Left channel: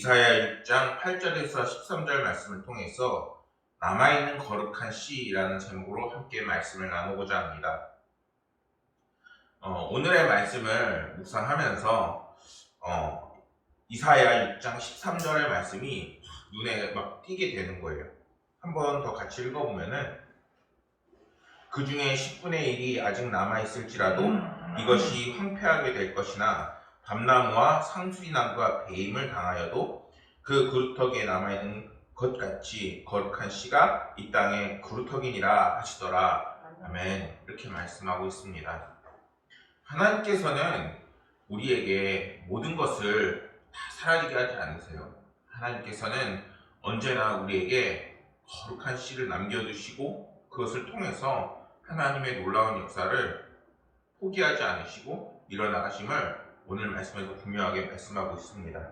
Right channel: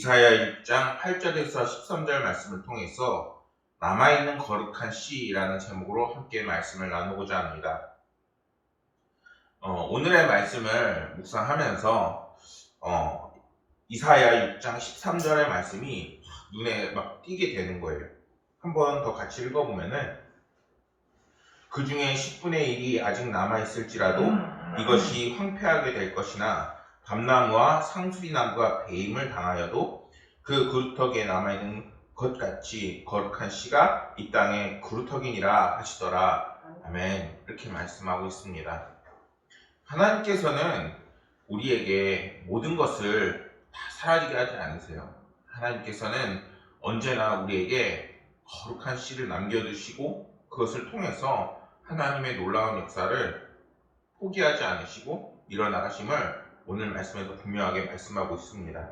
이사야 6장 8절에서 13절 말씀을 통해서 남아있는 거룩한 씨라는 제목으로 함께 말씀을 나누고자 합니다. 오늘의 말씀을 묵상하면서 이사야 6장 13절의 말씀이 눈에 막 띄게 되는 거예요. 한번 더 같이 읽어보면은 그 중에 10분의 1이 아직 남아있을지라도 이것이 황폐하게 될 것이나 밤나무와 상수리나무가 배임을 당하여도 그 그루터기에 남아있는 것 같이 거룩한 씨가 이 땅에 그루터기니라 하시더라. 아멘. 이렇게 말씀하고 있습니다. 하나님께서는 우리에게 모든 것을 다 사라지게 하지 않으세요. 하나님께서는 언제나 우리에게 거룩한 씨를 남겨두시고 그것을 통해서 하나님의 놀라운 역사를 포기하지 않으시고 일어나가심을 오늘 말씀에서 분명하게 말씀하고 있습니다.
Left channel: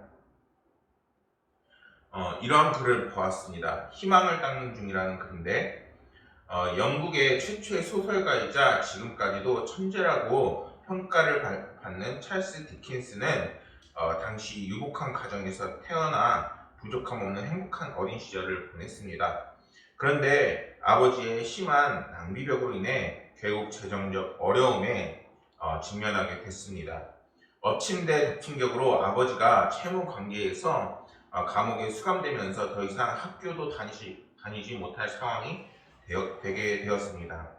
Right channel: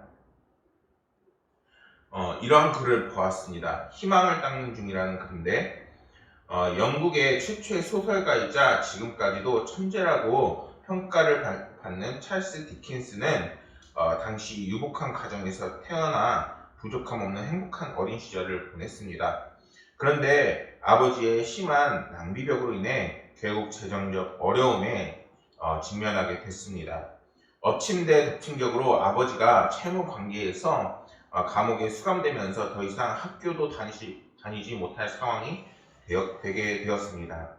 이러한 글을 보았습니다. 희망을 닦는 중이라는 글인데 영국의 최초의 소설가이자 지금까지도 천재라고 평가를 받는 찰스 디킨스는 당시 유복한 가정에서 태어나 부족함 없는 행복한 어린 시절을 보냈습니다. 그런데 아버지의 심한 낭비벽으로 인해 결국 재정적 어려움에 직면하게 됐습니다. 엎침대 덮친 격으로 아버지가 채무 관계에서 감옥에 수감되면서 더 이상 학교도 다니지 못할 상황이 되게 되었습니다.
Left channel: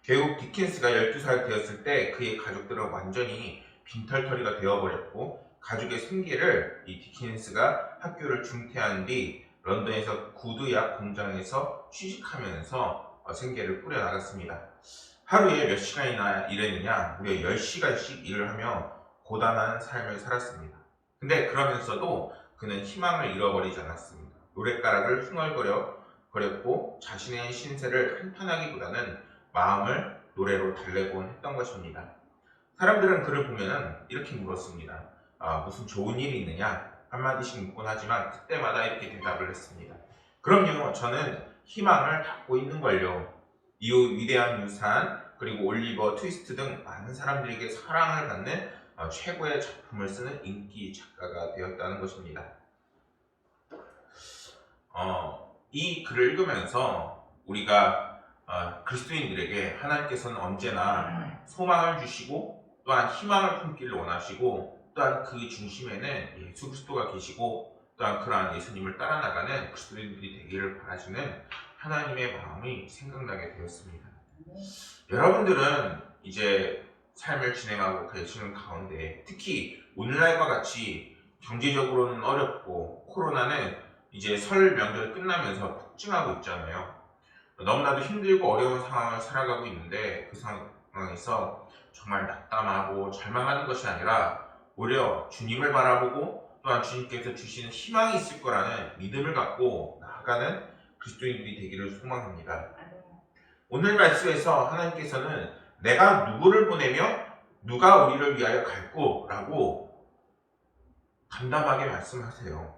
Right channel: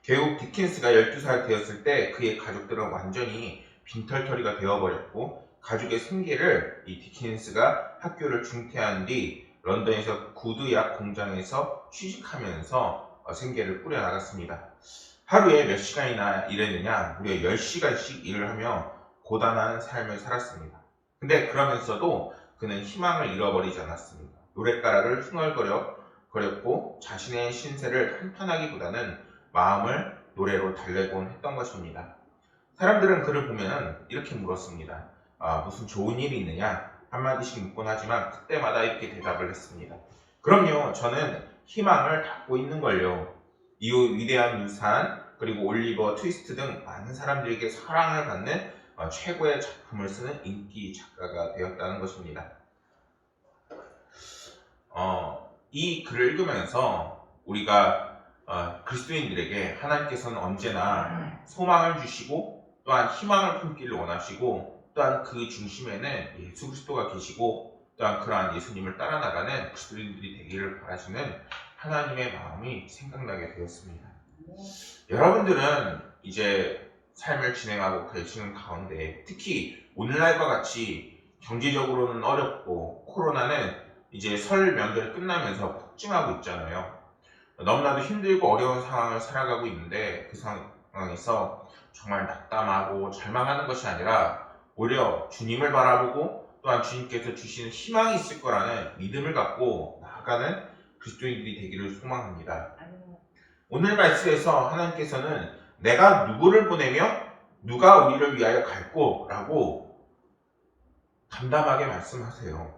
결국 디킨스가 12살 되었을 때 그의 가족들은 완전히 빈털터리가 되어버렸고 가족의 생계를 이 디킨스가 학교를 중퇴한 뒤 런던에서 구두약 공장에서 취직하면서 생계를 꾸려나갔습니다. 하루에 몇 시간이나 일했느냐? 무려 10시간씩 일을 하며 고단한 삶을 살았습니다. 근데 그러면서도 그는 희망을 잃어버리지 않았습니다. 노랫가락을 흥얼거렸고 자신의 신세를 한탄하기보다는 마음을 노래로 달래곤 했던 것입니다. 사람들은 그를 보면 이렇게 물었습니다. 무슨 좋은 일이 있느냐? 한마디씩 묻곤 하지만 그때마다 이렇게 대답을 했습니다. 그럼요, 저는 희망을 닫고 있는걸요. 이후 위대한 유산, 그리고 올리버 트위스트 등 많은 사람들에게 사랑을 받는 최고의 작품을 쓰는 인기 작가가 되었다는 것입니다. 이 글을 읽으면서 우리가 그리스도인들에게 하나님께서는 언제나 소망을 주시고 또한 희망을 품기를 원하시고 또한 그 중심에는 예수 그리스도가 계시고 또한 그러한 예수님을 따라 나가는 그리스도인들이 되기를 바라시는 하나님의 마음이 생각나게 되었습니다. 여러분들은 이제 삶을 진행하고 계시는 가운데 특히 오늘날과 같이 경제적으로는 어렵고 코로나는 이제 설 명절이 끝나면서 폭증하고 있잖아요. 너무나도 힘들고 어려운 상황을 살아가고 있는데 그 상황에서 정말 낙담하고 절망하는 것이 아니라 오히려 주님을 바라보고 또한 주님께서 주시는 희망이 있을 거라는 믿음을 갖고 나아가는 그리스도인들이 되기를 소망합니다. 오늘 말씀에서 하나님께서는 내가 누구를 보내며 누가 우리를 위하여 갈고 라고 담담하게 말씀하세요.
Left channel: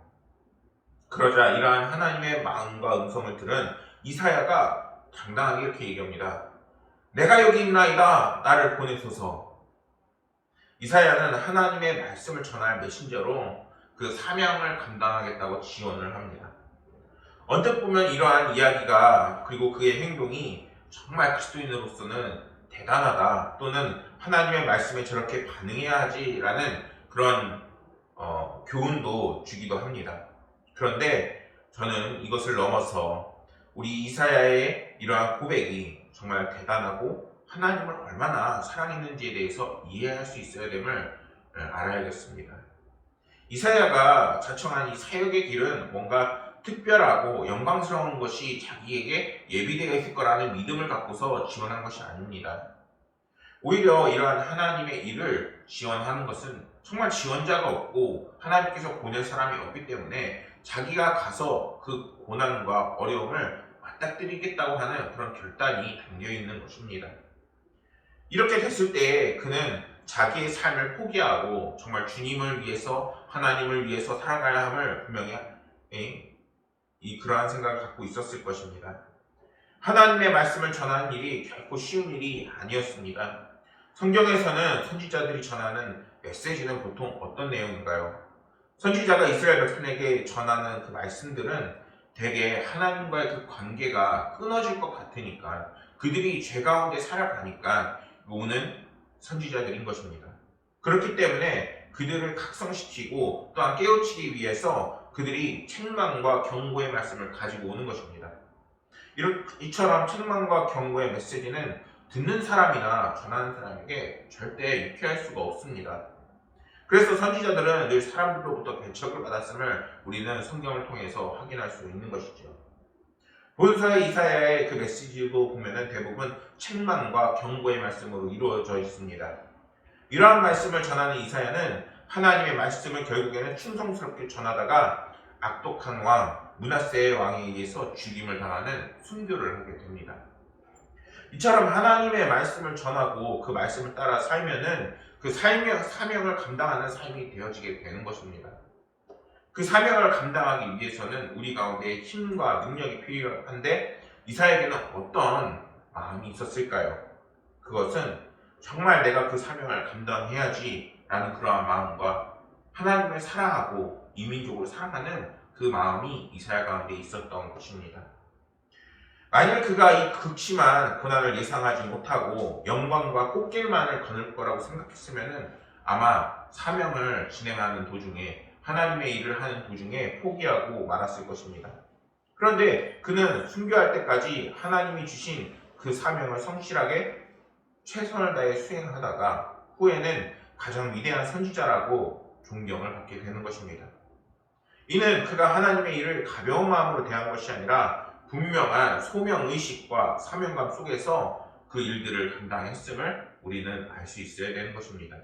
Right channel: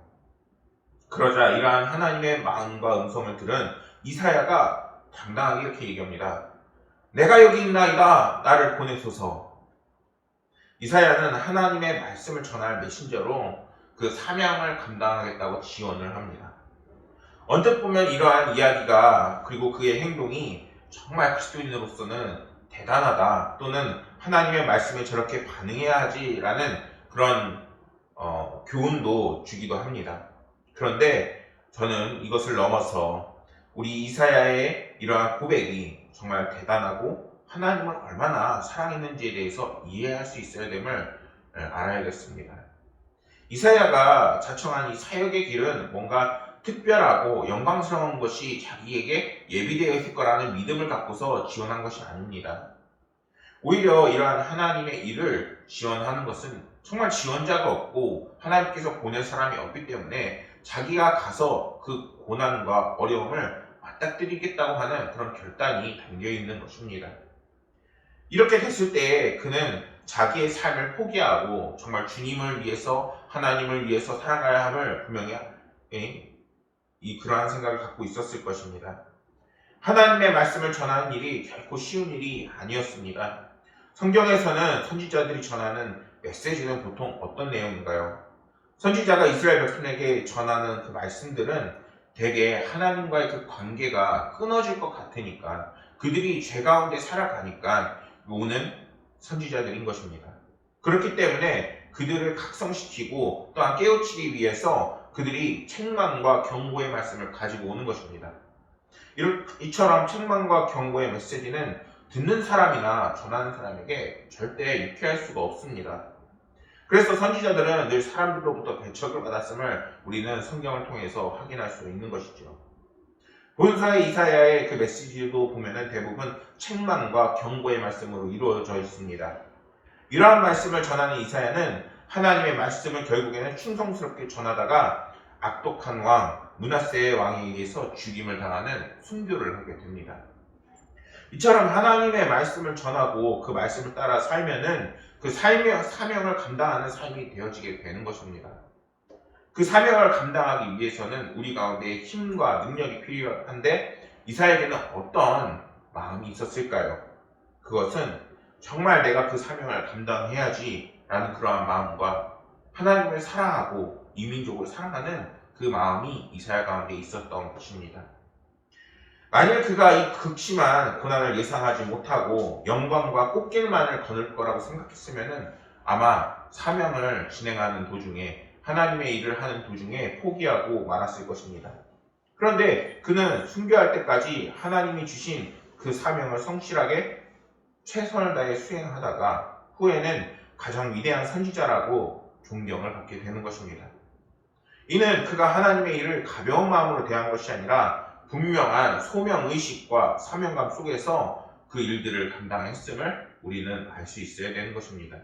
그러자 이러한 하나님의 마음과 음성을 들은 이사야가 당당하게 이렇게 얘기합니다. 내가 여기 있나이다. 나를 보내소서. 이사야는 하나님의 말씀을 전할 메신저로 그 사명을 감당하겠다고 지원을 합니다. 언뜻 보면 이러한 이야기가 그리고 그의 행동이 정말 그리스도인으로서는 대단하다 또는 하나님의 말씀에 저렇게 반응해야 하지라는 그런 교훈도 주기도 합니다. 그런데 저는 이것을 넘어서 우리 이사야의 이러한 고백이 정말 대단하고 하나님을 얼마나 사랑했는지에 대해서 이해할 수 있어야 됨을 알아야겠습니다. 이사야가 자청한 이 사역의 길은 뭔가 특별하고 영광스러운 것이 자기에게 예비되어 있을 거라는 믿음을 갖고서 지원한 것이 아닙니다. 오히려 이러한 하나님의 일을 지원하는 것은 정말 지원자가 없고 하나님께서 보낼 사람이 없기 때문에 자기가 가서 그 고난과 어려움을 맞닥뜨리겠다고 하는 그런 결단이 담겨 있는 것입니다. 이렇게 됐을 때 그는 자기의 삶을 포기하고 정말 주님을 위해서 하나님을 위해서 살아가야 함을 분명히 그러한 생각을 갖고 있었을 것입니다. 하나님의 말씀을 전하는 일이 결코 쉬운 일이 아니었습니다. 성경에서는 선지자들이 전하는 메시지는 보통 어떤 내용인가요? 선지자가 이스라엘 백성에게 전하는 그 말씀들은 대개 하나님과의 그 관계가 끊어질 것 같으니까, 그들이 죄 가운데 살아가니까 오는 선지자들인 것입니다. 그렇기 때문에 그들을 각성시키고 또한 깨우치기 위해서 그들이 책망과 경고의 말씀을 가지고 오는 것입니다. 이처럼 책망과 경고의 메시지는 듣는 사람이나 전하는 사람에게 절대 유쾌할 수가 없습니다. 그래서 선지자들은 늘 사람들로부터 배척을 받았음을 우리는 성경을 통해서 확인할 수 있는 것이죠. 본서의 이사야의 그 메시지도 보면은 대부분 책망과 경고의 말씀으로 이루어져 있습니다. 이러한 말씀을 전하는 이사야는 하나님의 말씀을 결국에는 충성스럽게 전하다가 악독한 왕 므낫세의 왕에 의해서 죽임을 당하는 순교를 하게 됩니다. 이처럼 하나님의 말씀을 전하고 그 말씀을 따라 살면은 그 사명을 감당하는 삶이 되어지게 되는 것입니다. 그 사명을 감당하기 위해서는 우리 가운데 힘과 능력이 필요한데, 이사야에게는 어떤 마음이 있었을까요? 그것은 정말 내가 그 사명을 감당해야지 라는 그러한 마음과 하나님을 사랑하고 이민족을 사랑하는 그 마음이 이사야 가운데 있었던 것입니다. 만일 그가 이 극심한 고난을 예상하지 못하고 영광과 꽃길만을 거닐 거라고 생각했으면 아마 사명을 진행하는 도중에, 하나님의 일을 하는 도중에 포기하고 말았을 것입니다. 그런데 그는 순교할 때까지 하나님이 주신 그 사명을 성실하게 최선을 다해 수행하다가 후에는 가장 위대한 선지자라고 존경을 받게 되는 것입니다. 이는 그가 하나님의 일을 가벼운 마음으로 대한 것이 아니라 분명한 소명의식과 사명감 속에서 그 일들을 감당했음을 우리는 알 수 있어야 되는 것입니다.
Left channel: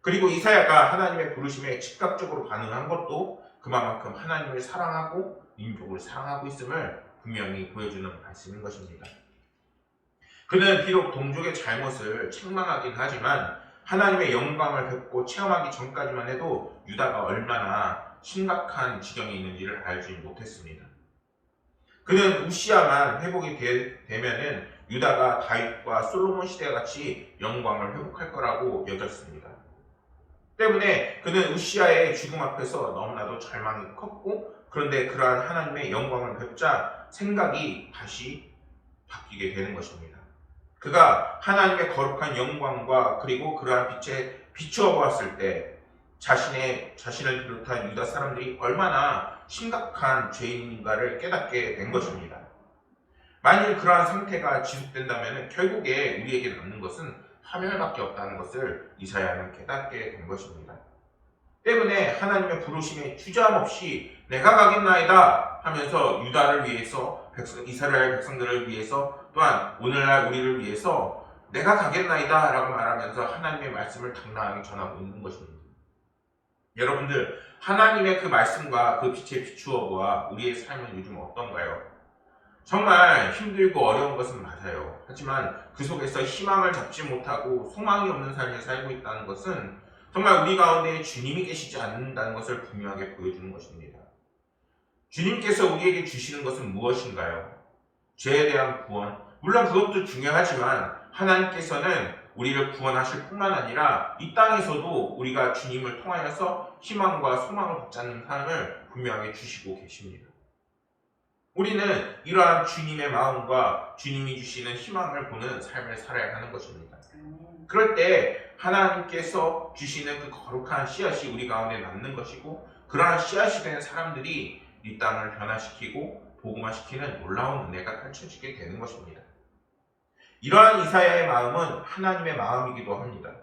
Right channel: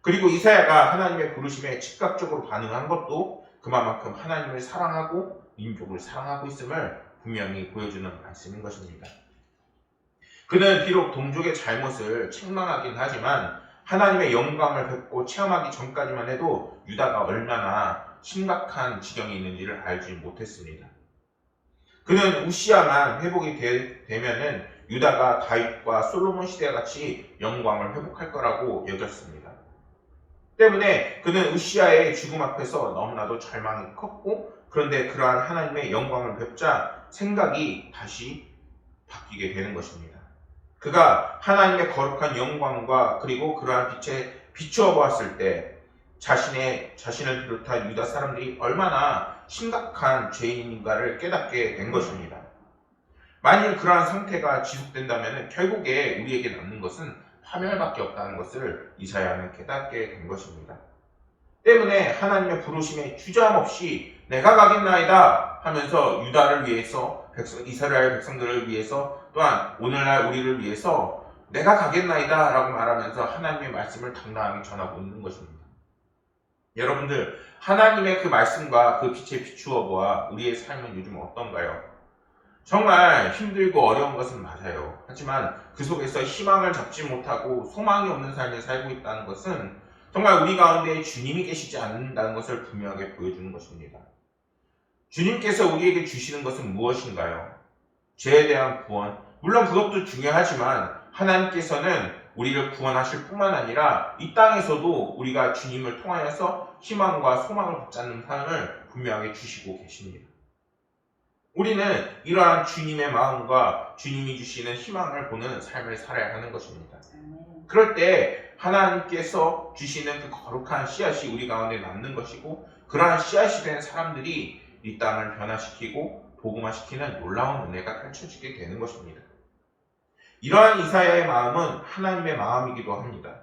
그리고 이사야가 하나님의 부르심에 즉각적으로 반응한 것도 그만큼 하나님을 사랑하고 민족을 사랑하고 있음을 분명히 보여주는 말씀인 것입니다. 그는 비록 동족의 잘못을 책망하긴 하지만 하나님의 영광을 뵙고 체험하기 전까지만 해도 유다가 얼마나 심각한 지경에 있는지를 알지 못했습니다. 그는 우시아만 회복이 되면은 유다가 다윗과 솔로몬 시대와 같이 영광을 회복할 거라고 여겼습니다. 때문에 그는 우시아의 죽음 앞에서 너무나도 절망이 컸고, 그런데 그러한 하나님의 영광을 뵙자 생각이 다시 바뀌게 되는 것입니다. 그가 하나님의 거룩한 영광과 그리고 그러한 빛에 비추어 보았을 때 자신을 비롯한 유다 사람들이 얼마나 심각한 죄인인가를 깨닫게 된 것입니다. 만일 그러한 상태가 지속된다면 결국에 우리에게 남는 것은 파멸밖에 없다는 것을 이사야는 깨닫게 된 것입니다. 때문에 하나님의 부르심에 주저함없이 내가 가겠나이다 하면서 유다를 위해서, 이스라엘 백성들을 위해서, 또한 오늘날 우리를 위해서 내가 가겠나이다 라고 말하면서 하나님의 말씀을 당당하게 전하고 있는 것입니다. 여러분들, 하나님의 그 말씀과 그 빛에 비추어 보아 우리의 삶은 요즘 어떤가요? 정말 힘들고 어려운 것은 맞아요. 하지만 그 속에서 희망을 잡지 못하고 소망이 없는 삶을 살고 있다는 것은 정말 우리 가운데 주님이 계시지 않는다는 것을 분명하게 보여주는 것입니다. 주님께서 우리에게 주시는 것은 무엇인가요? 죄에 대한 구원, 물론 그것도 중요하지만 하나님께서는 우리를 구원하실 뿐만 아니라 이 땅에서도 우리가 주님을 통하여서 희망과 소망을 붙잡는 삶을 분명하게 주시고 계십니다. 우리는 이러한 주님의 마음과 주님이 주시는 희망을 보는 삶을 살아야 하는 것입니다. 그럴 때 하나님께서 주시는 그 거룩한 씨앗이 우리 가운데 남는 것이고, 그러한 씨앗이 된 사람들이 이 땅을 변화시키고 복음화시키는 놀라운 은혜가 펼쳐지게 되는 것입니다. 이러한 이사야의 마음은 하나님의 마음이기도 합니다.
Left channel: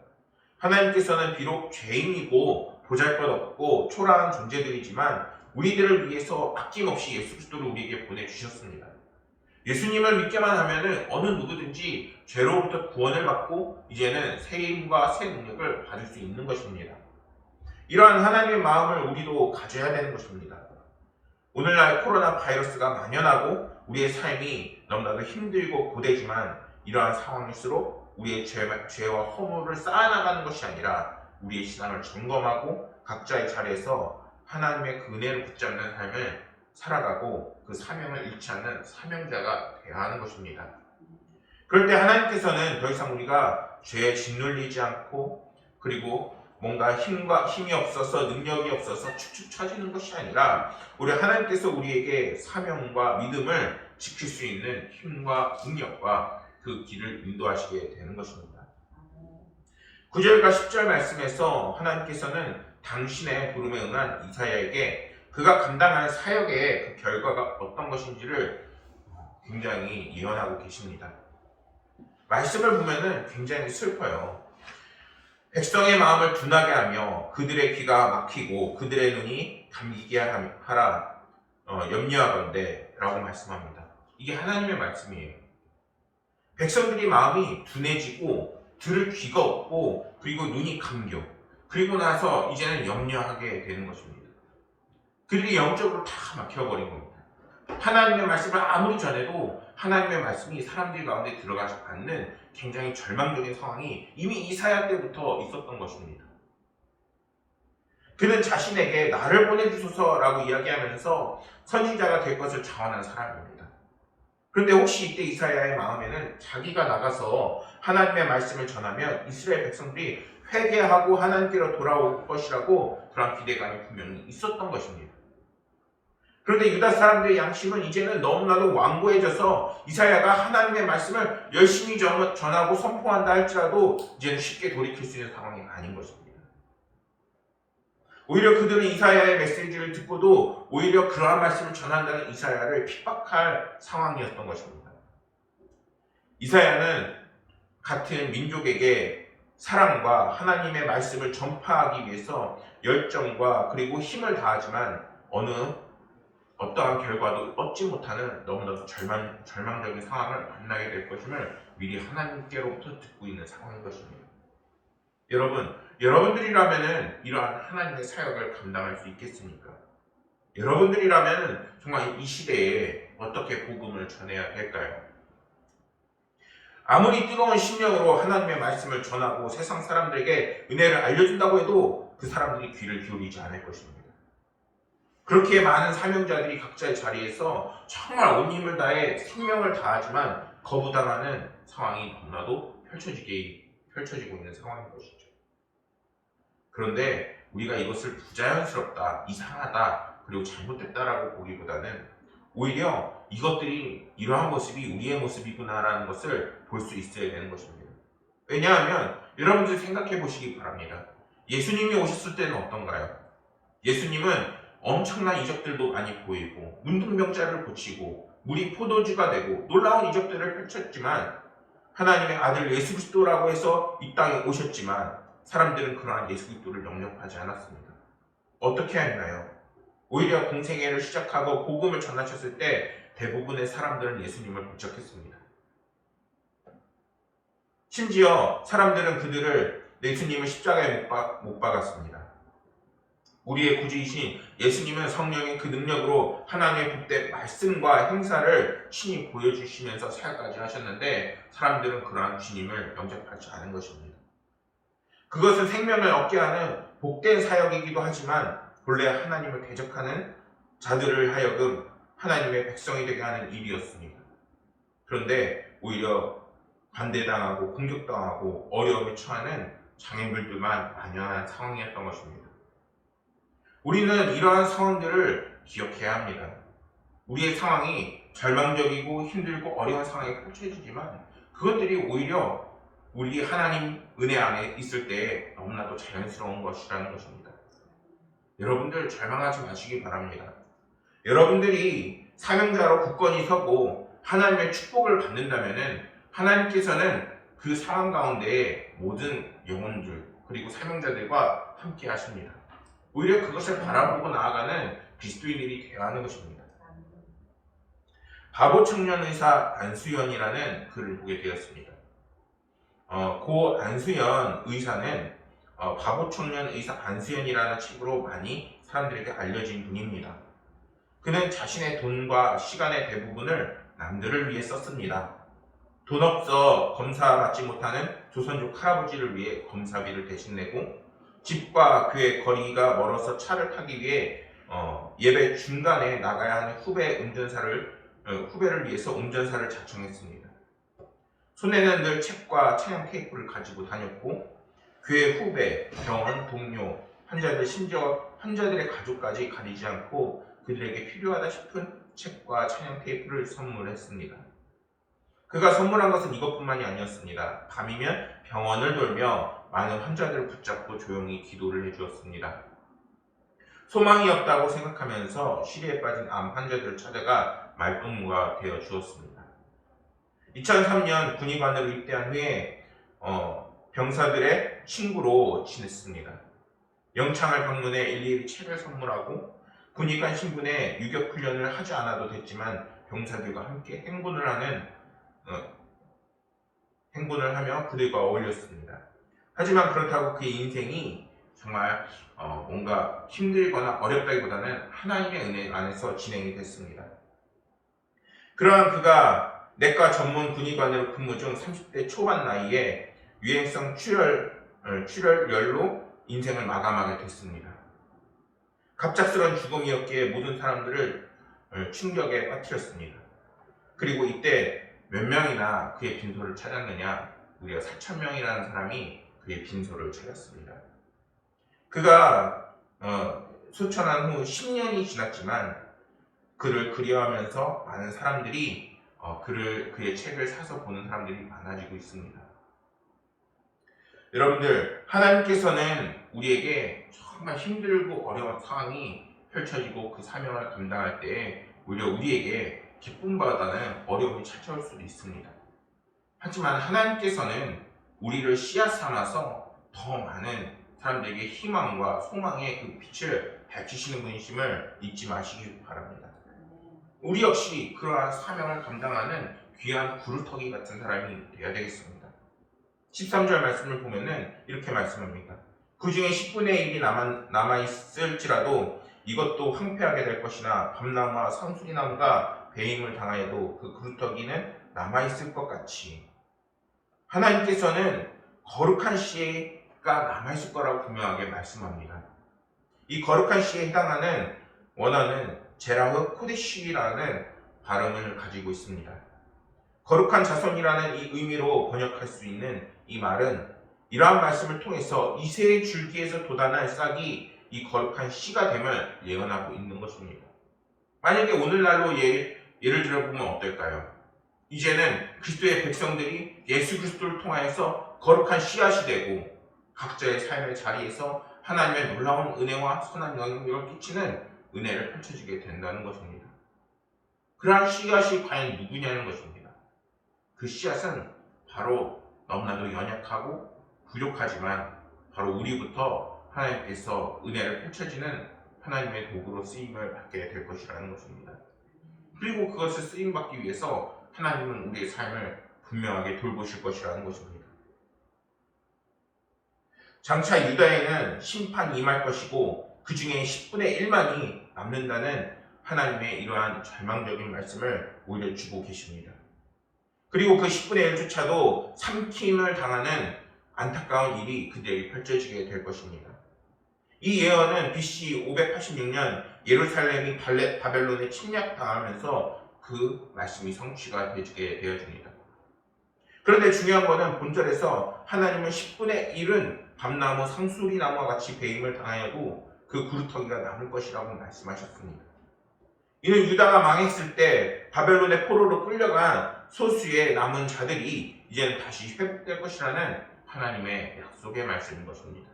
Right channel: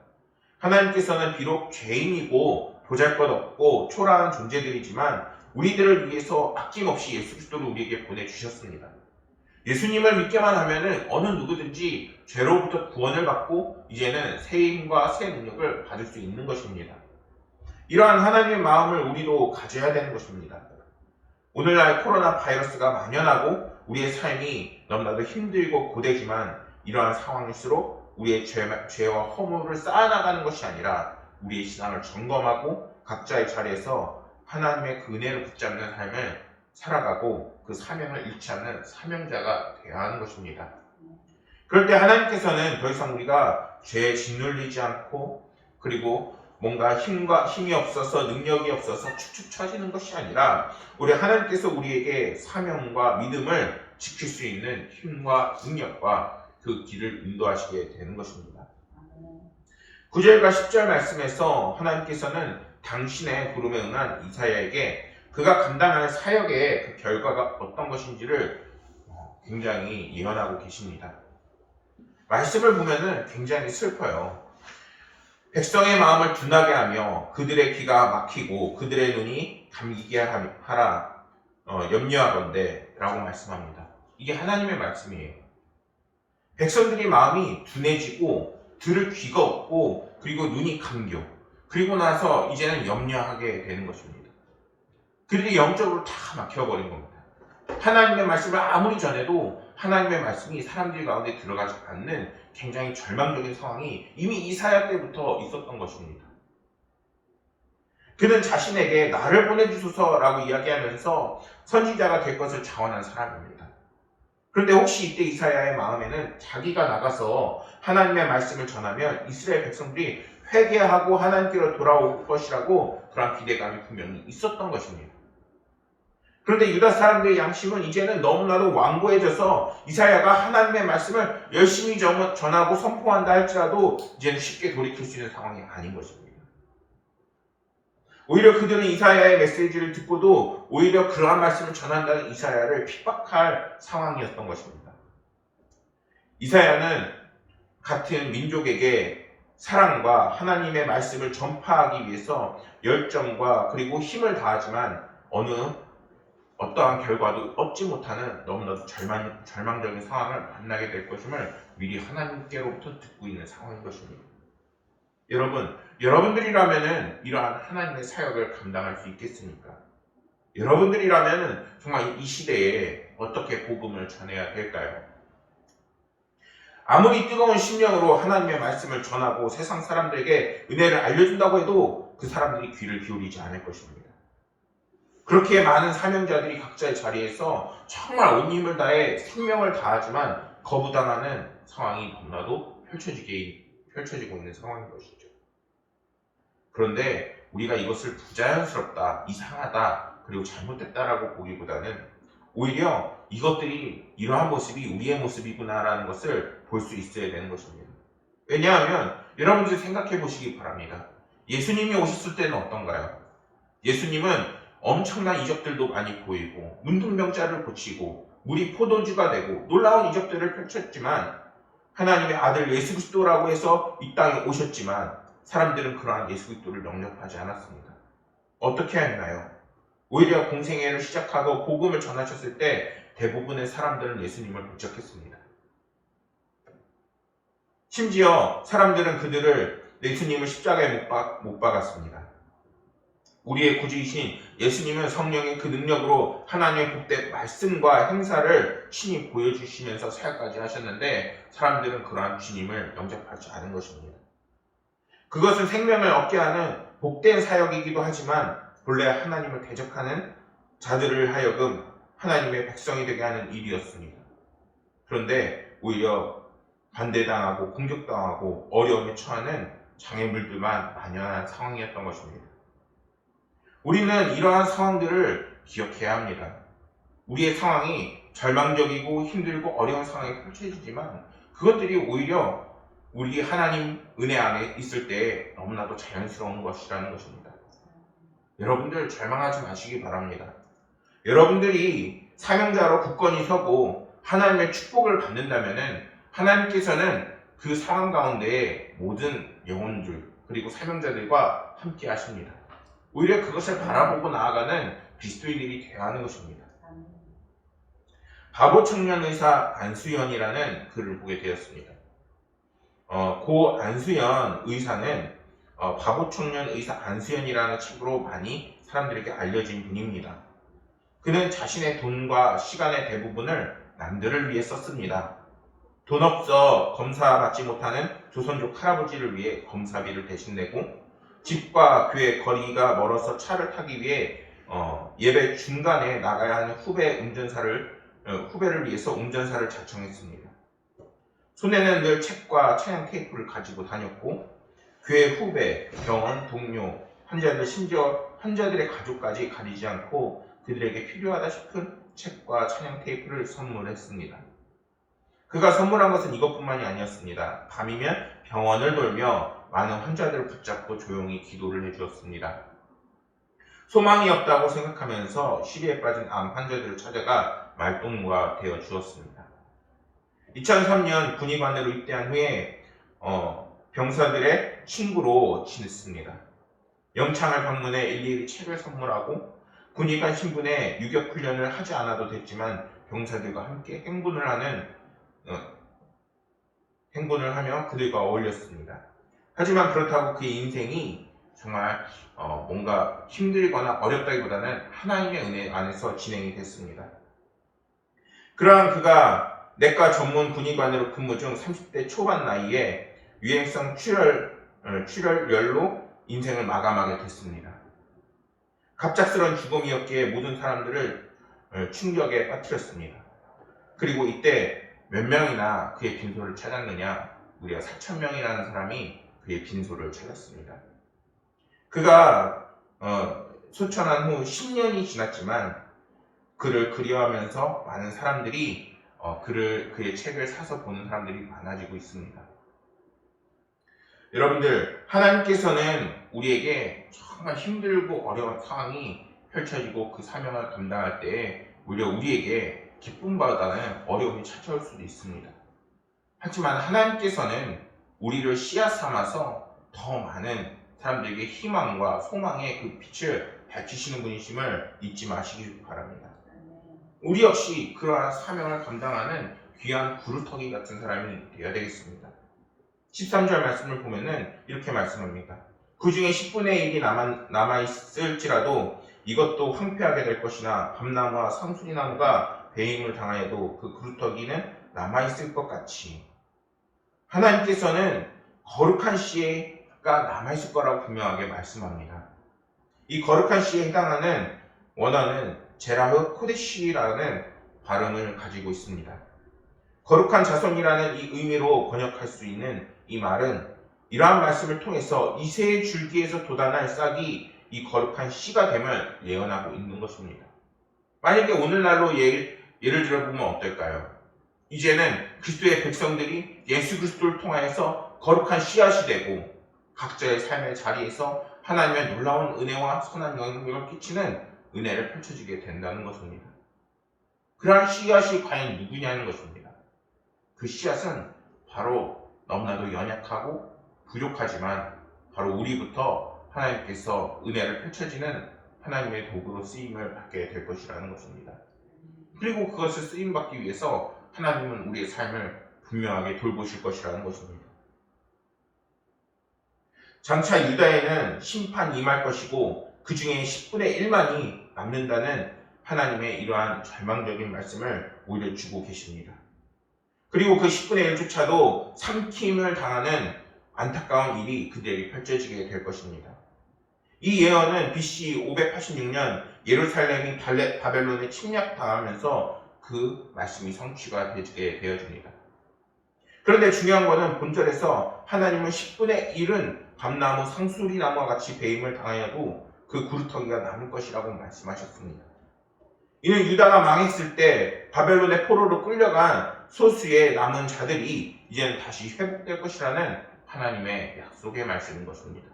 하나님께서는 비록 죄인이고 보잘것없고 초라한 존재들이지만 우리들을 위해서 아낌없이 예수 그리스도를 우리에게 보내주셨습니다. 예수님을 믿게만 하면 어느 누구든지 죄로부터 구원을 받고 이제는 새 힘과 새 능력을 받을 수 있는 것입니다. 이러한 하나님의 마음을 우리도 가져야 되는 것입니다. 오늘날 코로나 바이러스가 만연하고 우리의 삶이 너무나도 힘들고 고되지만 이러한 상황일수록 우리의 죄와 허물을 쌓아나가는 것이 아니라 우리의 신앙을 점검하고 각자의 자리에서 하나님의 그 은혜를 붙잡는 삶을 살아가고 그 사명을 잃지 않는 사명자가 되어야 하는 것입니다. 그럴 때 하나님께서는 더 이상 우리가 죄에 짓눌리지 않고, 그리고 뭔가 힘이 없어서 능력이 없어서 축축 처지는 것이 아니라 우리 하나님께서 우리에게 사명과 믿음을 지킬 수 있는 힘과 능력과 그 길을 인도하시게 되는 것입니다. 9절과 10절 말씀에서 하나님께서는 당신의 부름에 응한 이사야에게 그가 감당할 사역의 그 결과가 어떤 것인지를 굉장히 예언하고 계십니다. 말씀을 보면은 굉장히 슬퍼요. 백성의 마음을 둔하게 하며 그들의 귀가 막히고 그들의 눈이 감기게 하라 염려하건대 라고 말씀합니다. 이게 하나님의 말씀이에요. 백성들이 마음이 둔해지고 들을 귀가 없고 그리고 눈이 감겨 그리고 나서 이제는 염려하게 되는 것입니다. 그들이 영적으로 다 막혀버린 겁니다. 하나님의 말씀을 아무리 전해도 하나님의 말씀이 사람들 가운데 들어가지 않는 굉장히 절망적인 상황이 이미 이사야 때부터 있었던 것입니다. 그는 자신에게 나를 보내주소서라고 이야기하면서 선지자가 될 것을 자원한 사람입니다. 그런데 혹시 이때 이사야의 마음에는 자기가 나가서 하나님의 말씀을 전하면 이스라엘 백성들이 회개하고 하나님께로 돌아올 것이라고 그런 기대감이 분명히 있었던 것입니다. 그런데 유다 사람들의 양심은 이제는 너무나도 완고해져서 이사야가 하나님의 말씀을 열심히 전하고 선포한다 할지라도 이제는 쉽게 돌이킬 수 있는 상황이 아닌 것입니다. 오히려 그들은 이사야의 메시지를 듣고도 오히려 그러한 말씀을 전한다는 이사야를 핍박할 상황이었던 것입니다. 이사야는 같은 민족에게 사랑과 하나님의 말씀을 전파하기 위해서 열정과 그리고 힘을 다하지만 어떠한 결과도 얻지 못하는 너무나도 절망적인 상황을 만나게 될 것임을 미리 하나님께로부터 듣고 있는 상황인 것입니다. 여러분들이라면 이러한 하나님의 사역을 감당할 수 있겠습니까? 여러분들이라면 정말 이 시대에 어떻게 복음을 전해야 될까요? 아무리 뜨거운 심령으로 하나님의 말씀을 전하고 세상 사람들에게 은혜를 알려준다고 해도 그 사람들이 귀를 기울이지 않을 것입니다. 그렇게 많은 사명자들이 각자의 자리에서 정말 온 힘을 다해 생명을 다하지만 거부당하는 상황이 너무나도 펼쳐지고 있는 상황인 것이죠. 그런데 우리가 이것을 부자연스럽다, 이상하다, 그리고 잘못됐다라고 보기보다는 오히려 이것들이 이러한 모습이 우리의 모습이구나라는 것을 볼 수 있어야 되는 것입니다. 왜냐하면 여러분들 생각해 보시기 바랍니다. 예수님이 오셨을 때는 어떤가요? 예수님은 엄청난 이적들도 많이 보이고 문둥병자를 고치고 물이 포도주가 되고 놀라운 이적들을 펼쳤지만 하나님의 아들 예수 그리스도라고 해서 이 땅에 오셨지만 사람들은 그러한 예수 그리스도를 영접하지 않았습니다. 어떻게 했나요? 오히려 공생애를 시작하고 복음을 전하셨을 때 대부분의 사람들은 예수님을 배척했습니다. 심지어 사람들은 예수님을 십자가에 못 박았습니다. 우리의 구주이신 예수님은 성령의 그 능력으로 하나님의 복된 말씀과 행사를 친히 보여주시면서 사역까지 하셨는데 사람들은 그러한 주님을 영접하지 않은 것입니다. 그것은 생명을 얻게 하는 복된 사역이기도 하지만 본래 하나님을 대적하는 자들을 하여금 하나님의 백성이 되게 하는 일이었습니다. 그런데 오히려 반대당하고 공격당하고 어려움에 처하는 장애물들만 만연한 상황이었던 것입니다. 우리는 이러한 상황들을 기억해야 합니다. 우리의 상황이 절망적이고 힘들고 어려운 상황이 펼쳐지지만 그것들이 오히려 우리 하나님 은혜 안에 있을 때 너무나도 자연스러운 것이라는 것입니다. 여러분들 절망하지 마시기 바랍니다. 여러분들이 사명자로 굳건히 서고 하나님의 축복을 받는다면 하나님께서는 그 상황 가운데 모든 영혼들 그리고 사명자들과 함께 하십니다. 오히려 그것을 바라보고 나아가는 그리스도인들이 되어야 하는 것입니다. 바보 청년 의사 안수연이라는 글을 보게 되었습니다. 고 안수연 의사는 바보 청년 의사 안수연이라는 책으로 많이 사람들에게 알려진 분입니다. 그는 자신의 돈과 시간의 대부분을 남들을 위해 썼습니다. 돈 없어 검사 받지 못하는 조선족 할아버지를 위해 검사비를 대신 내고 집과 교회 거리가 멀어서 차를 타기 위해 예배 중간에 나가야 하는 후배를 위해서 운전사를 자청했습니다. 손에는 늘 책과 차량 테이프를 가지고 다녔고 교회 후배, 병원, 동료, 환자들, 심지어 환자들의 가족까지 가리지 않고 그들에게 필요하다 싶은 책과 찬양 테이프를 선물했습니다. 그가 선물한 것은 이것뿐만이 아니었습니다. 밤이면 병원을 돌며 많은 환자들을 붙잡고 조용히 기도를 해주었습니다. 소망이 없다고 생각하면서 시리에 빠진 암 환자들을 찾아가 말동무가 되어 주었습니다. 2003년 군의관으로 입대한 후에 병사들의 친구로 지냈습니다. 영창을 방문해 일일이 책을 선물하고 군의관 신분에 유격 훈련을 하지 않아도 됐지만 병사들과 함께 행군을 하며 그들과 어울렸습니다. 하지만 그렇다고 그의 인생이 정말 뭔가 힘들거나 어렵다기보다는 하나님의 은혜 안에서 진행이 됐습니다. 그러한 그가 내과 전문 군의관으로 근무 중 30대 초반 나이에 유행성 출혈열로 인생을 마감하게 됐습니다. 갑작스런 죽음이었기에 모든 사람들을 충격에 빠뜨렸습니다. 그리고 이때 몇 명이나 그의 빈소를 찾았느냐? 무려 4,000명이라는 사람이 그의 빈소를 찾았습니다. 그가 소천한 후 10년이 지났지만 그를 그리워하면서 많은 사람들이 그의 책을 사서 보는 사람들이 많아지고 있습니다. 여러분들, 하나님께서는 우리에게 정말 힘들고 어려운 상황이 펼쳐지고 그 사명을 감당할 때 오히려 우리에게 기쁨보다는 어려움이 찾아올 수도 있습니다. 하지만 하나님께서는 우리를 씨앗 삼아서 더 많은 사람들에게 희망과 소망의 그 빛을 밝히시는 분이심을 잊지 마시기 바랍니다. 우리 역시 그러한 사명을 감당하는 귀한 구루터기 같은 사람이 되어야 되겠습니다. 13절 말씀을 보면은 이렇게 말씀합니다. 그 중에 10분의 1이 남아있을지라도 이것도 황폐하게 될 것이나 밤나무와 상수리나무가 배임을 당하여도 그 구루터기는 남아있을 것 같이 하나님께서는 거룩한 씨가 남아있을 거라고 분명하게 말씀합니다. 이 거룩한 씨에 해당하는 원어는 제라흐 코데시라는 발음을 가지고 있습니다. 거룩한 자손이라는 이 의미로 번역할 수 있는 이 말은 이러한 말씀을 통해서 이새의 줄기에서 돋아날 싹이 이 거룩한 씨가 됨을 예언하고 있는 것입니다. 만약에 오늘날로 예를 들어보면 어떨까요? 이제는 그리스도의 백성들이 예수 그리스도를 통하여서 거룩한 씨앗이 되고 각자의 삶의 자리에서 하나님의 놀라운 은혜와 선한 영향력을 끼치는 은혜를 펼쳐지게 된다는 것입니다. 그러한 씨앗이 과연 누구냐는 것입니다. 그 씨앗은 바로 너무나도 연약하고 부족하지만 바로 우리부터 하나님께서 은혜를 펼쳐지는 하나님의 도구로 쓰임을 받게 될 것이라는 것입니다. 그리고 그것을 쓰임받기 위해서 하나님은 우리의 삶을 분명하게 돌보실 것이라는 것입니다. 장차 유다에는 심판이 임할 것이고 그 중에 10분의 1만이 남는다는 하나님의 이러한 절망적인 말씀을 오히려 주고 계십니다. 그리고 그 10분의 1조차도 삼킴을 당하는 안타까운 일이 그들에게 펼쳐지게 될 것입니다. 이 예언은 BC 586년 예루살렘이 바벨론에 침략당하면서 그 말씀이 성취가 되게 되어집니다. 그런데 중요한 것은 본절에서 하나님은 10분의 1은 밤나무, 상수리나무와 같이 배임을 당하여도 그 구루터기가 남을 것이라고 말씀하셨습니다. 이는 유다가 망했을 때 바벨론의 포로로 끌려간 소수의 남은 자들이 이제는 다시 회복될 것이라는 하나님의 약속의 말씀인 것입니다.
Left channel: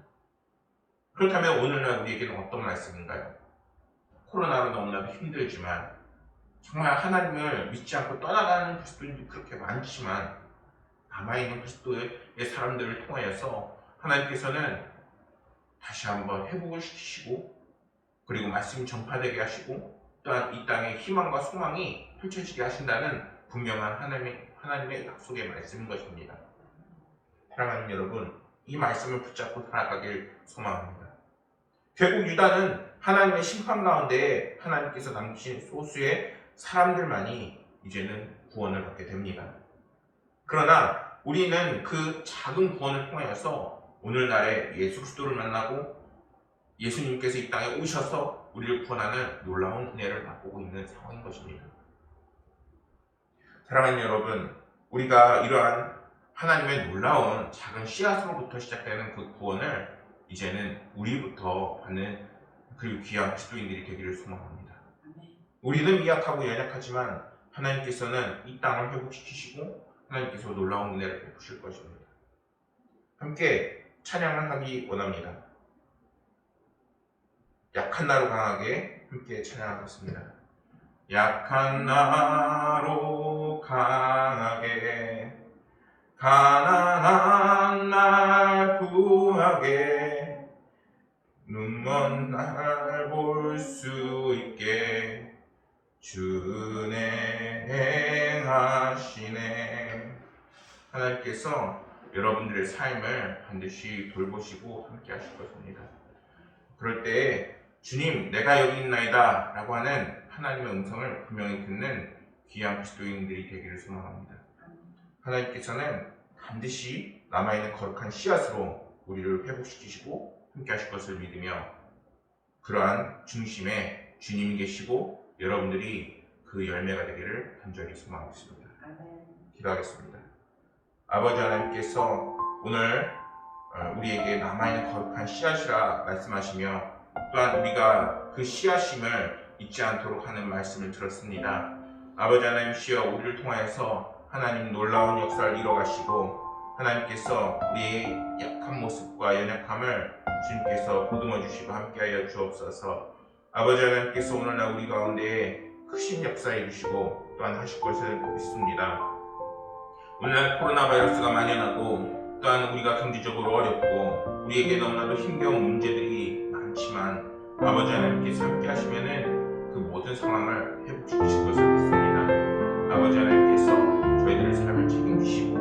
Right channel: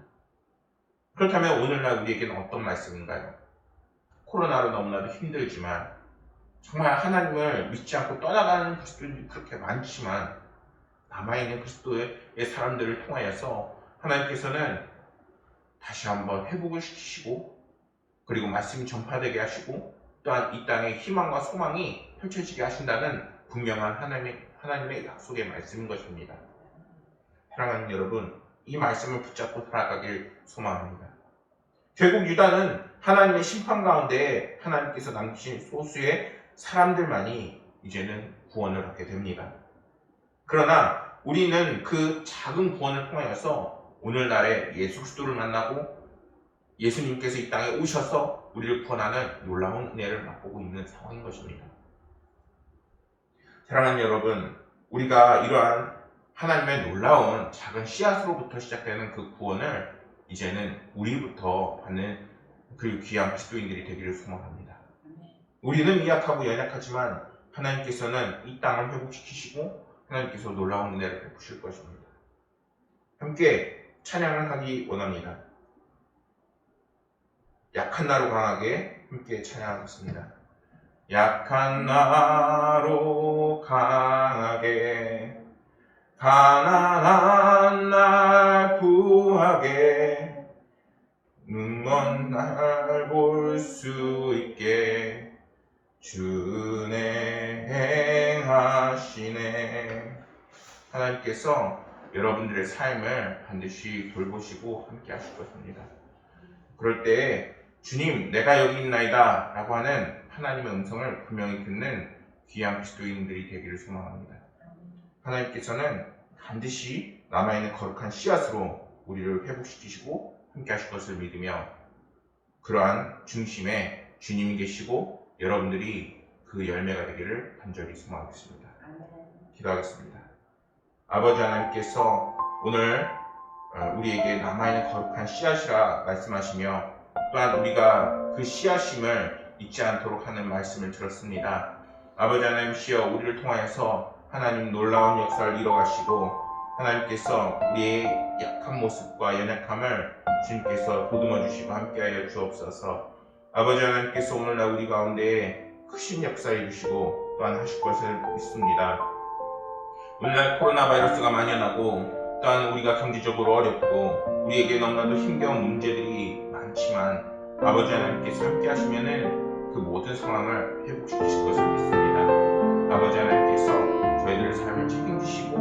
그렇다면 오늘날 우리에게는 어떤 말씀인가요? 코로나로 너무나도 힘들지만 정말 하나님을 믿지 않고 떠나가는 그리스도인들이 그렇게 많지만 남아있는 그리스도의 사람들을 통하여서 하나님께서는 다시 한번 회복을 시키시고 그리고 말씀이 전파되게 하시고 또한 이 땅에 희망과 소망이 펼쳐지게 하신다는 분명한 하나님의 약속의 말씀인 것입니다. 사랑하는 여러분, 이 말씀을 붙잡고 살아가길 소망합니다. 결국 유다는 하나님의 심판 가운데 하나님께서 남기신 소수의 사람들만이 이제는 구원을 받게 됩니다. 그러나 우리는 그 작은 구원을 통하여서 오늘날에 예수 그리스도를 만나고 예수님께서 이 땅에 오셔서 우리를 구원하는 놀라운 은혜를 맛보고 있는 상황인 것입니다. 사랑하는 여러분, 우리가 이러한 하나님의 놀라운 작은 씨앗으로부터 시작되는 그 구원을 이제는 우리부터 받는 그 귀한 그리스도인들이 되기를 소망합니다. 우리는 미약하고 연약하지만 하나님께서는 이 땅을 회복시키시고 하나님께서 놀라운 은혜를 베푸실 것입니다. 함께 찬양을 하기 원합니다. 약한 나로 강하게 함께 찬양하겠습니다. 약한 나로 강하게 가난한 날 구하게 눈먼 날 볼 수 있게 주네 행하시네. 하나님께서 여러분들의 삶을 반드시 돌보시고 함께 하실 것입니다. 그럴 때 주님 내가 여기 있나이다 라고 하는 하나님의 음성을 분명히 듣는 귀한 그리스도인들이 되기를 소망합니다. 하나님께서는 반드시 남아있는 거룩한 씨앗으로 우리를 회복시키시고 함께 하실 것을 믿으며 그러한 중심에 주님이 계시고 여러분들이 그 열매가 되기를 간절히 소망하겠습니다. 기도하겠습니다. 아버지 하나님께서 오늘 우리에게 남아있는 거룩한 씨앗이라 말씀하시며 또한 우리가 그 씨앗임을 잊지 않도록 하는 말씀을 들었습니다. 아버지 하나님이시여 우리를 통하여서 하나님 놀라운 역사를 이뤄가시고 하나님께서 우리의 약한 모습과 연약함을 주님께서 보듬어 주시고 함께하여 주옵소서. 아버지 하나님께서 오늘날 우리 가운데 크신 역사 이루시고 또한 하실 것을 믿습니다. 오늘날 코로나 바이러스가 만연하고 또한 우리가 경제적으로 어렵고 우리에게 너무나도 힘겨운 문제들이 많지만 아버지 하나님께서 함께 하시면은 그 모든 상황을 회복시키실 것을 믿습니다. 아버지 하나님께서 저희들의 삶을 책임지시고